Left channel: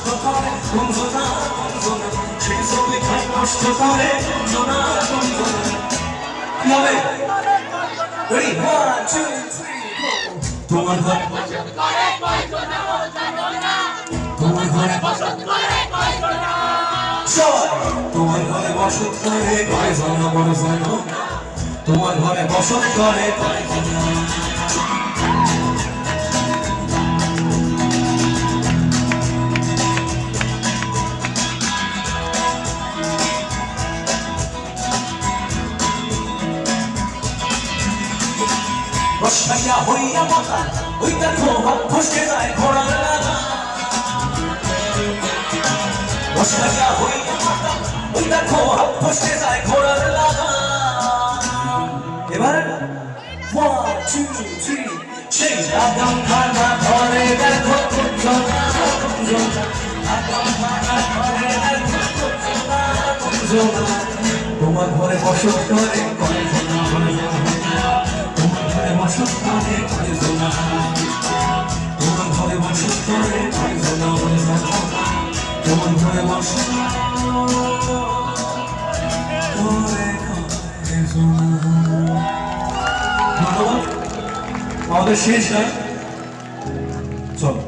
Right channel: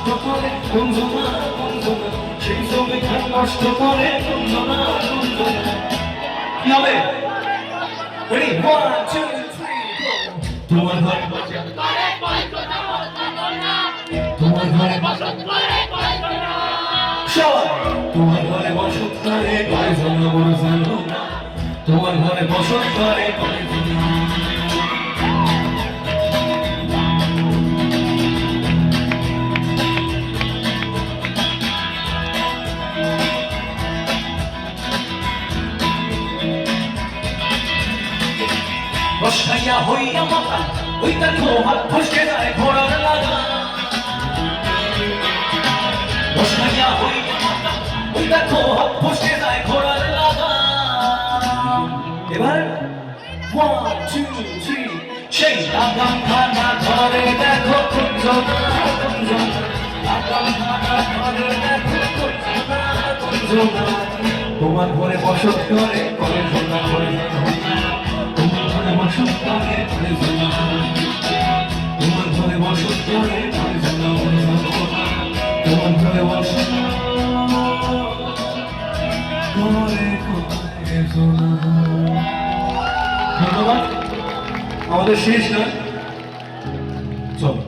নষ্ট করে কুঞ্জনা কুঞ্জনা, সেই ছবি খান নষ্ট করে কুঞ্জনা কুঞ্জনা। কি হবে? রেডি, 1 2 3 গো। তোমার ঘরে তোমার ঘরে সবাই তোমার ঘরে বসত করে কয়জন বড় জানো, তোমার ঘরে বসত করে কয়জন। বসাইয়া হইয়া মাথা ওই দেখো হাত ফসকে যায় ঘোড়ার লাগা, বসাইয়া হইয়া মাথা ওই দেখো হাত ফসকে যায় ঘোড়ার লাগা। এবার 1 2 3 সেই লাগাম খানা ধরে দেখো কুঞ্জনা কুঞ্জনা, লাগাম খানা ধরে দেখো কুঞ্জনা কুঞ্জনা। তোমার ঘরে বসত করে কয়জনা তোমার ঘরে বসত করে কয়জনা, তোমার ঘরে বসত করে কয়জনা, তোমার ঘরে বসত করে কয়জনা। ধন্যবাদ। আমাদের শেষ না, চলো।